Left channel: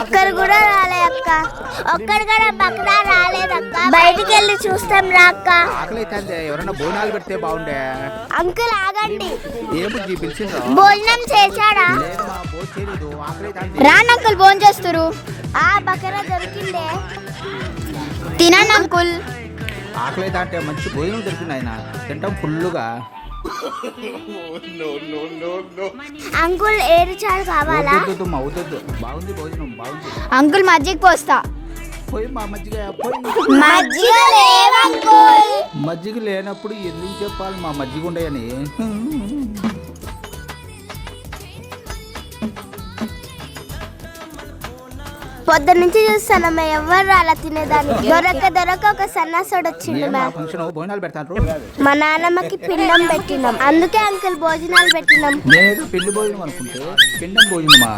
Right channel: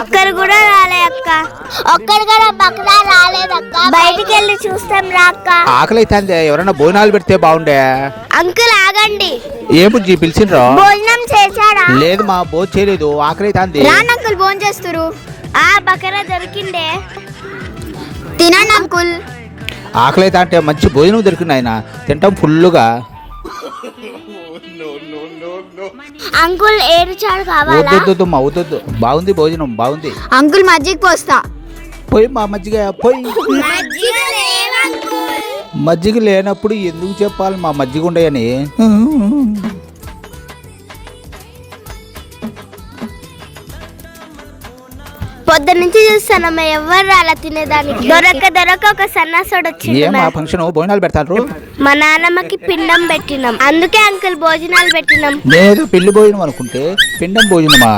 ఒక్కరు కూడా రాలే అక్క. ఒక్కరు కూడా పక్కన రాలేదక్క. బయటికి వెళ్ళి చూస్తాం రా అక్క. ఆకలి అయితే ఎవరైనా భోజనాలు పెడితే బాగుండే. అంకుల్ ఆగండి. ఏ బుజ్జి పిలిచిండ్రా? భోజనం చేశారా? లేదు మా భోజనం చేయలేదు, ఆకలి అయితే. రాను అంకుల్, భోజనం చేస్తారు. ఆ బకరా దొరికిందే, తినండి అంకుల్. ఆకలి అయితే అంటే మంచి భోజనం దొరికింది ఆయన, తింటాం ఫుల్లుగా. అంకుల్ ఏడు చాలు కావాలా? వద్దు మా వద్దు, బాగుంది భోజనం బాగుంది. అంకుల్ మజ్జిగ పోస్తా. పోయి మా మజ్జిగ పోయి. మజ్జిగ లేవు అంకుల్. మజ్జిగ లేనప్పుడు ఎందుకు చెప్పాలి మా మజ్జిగ ఉండయని. పొద్దున్న నుంచి చూస్తానమ్మా, ఎవరు అలా తినేదానికి. దొరక ఒక సన్నాసుడు వచ్చిండు. మా ఫంక్షన్ భోజనాలు పెడతారు. మా నాన్నమ్మకి పిండం పెట్టినాం, అందుకే అంకుల్ భోజనాలు పెట్టినాం. నేను పెళ్లి భోజనం అనుకుంటే పిండం భోజనమా?